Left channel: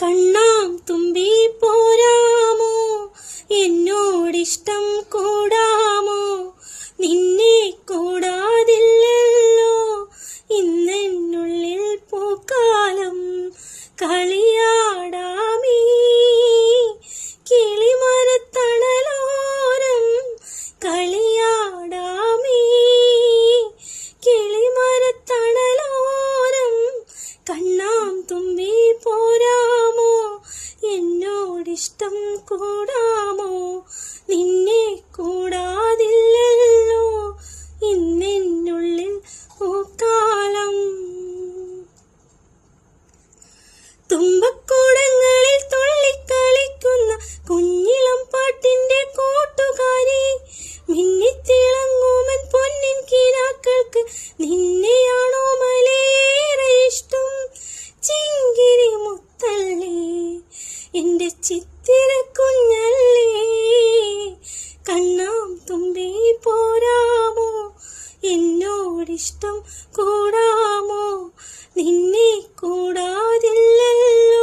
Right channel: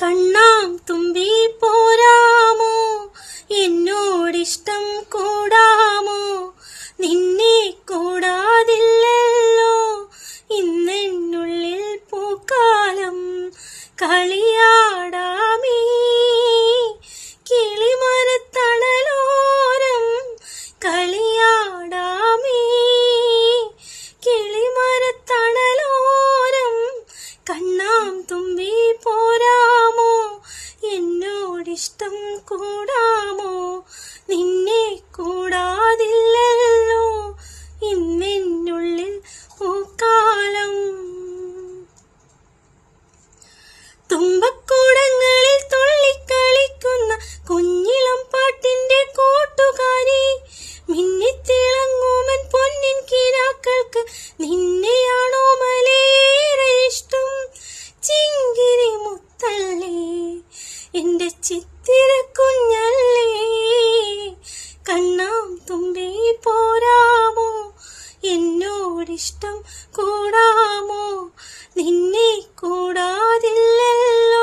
കണ്ണാം തുമ്പി പോരാമോ, എന്നോടിഷ്ടം കൂടാമോ, നിന്നെ കൂടാതില്ലല്ലോ ഇന്നെന്നുള്ളിൽ പൂക്കാലം. കളിയാടാമീ കിളിമരത്തണലോരം, കളിയാടാമീ കിളിമരത്തണലോരം. കണ്ണാം തുമ്പി പോരാമോ, എന്നോടിഷ്ടം കൂടാമോ, നിന്നെ കൂടാതില്ലല്ലോ ഇന്നെന്നുള്ളിൽ പൂക്കാലം. തുമ്പക്കൂടങ്ങളിൽ തുള്ളിക്കളിക്കുന്ന കുഞ്ഞിളം പാട്ടിന്റെ കൂട്ടുകാരി, മിന്നിത്തിളങ്ങുമൻ പൊന്നിൻ കിനാക്കൾക്ക് നിന്നെയാണോ മലേറെ ഇഷ്ടം. ചിങ്കിരി മുത്തല്ലേ, എന്റെ ചിത്തിര കുഞ്ഞല്ലേ, കണ്ണാം തുമ്പി പോരാമോ, എന്നോടിഷ്ടം കൂടാമോ, നിന്നെ കൂടാതില്ലല്ലോ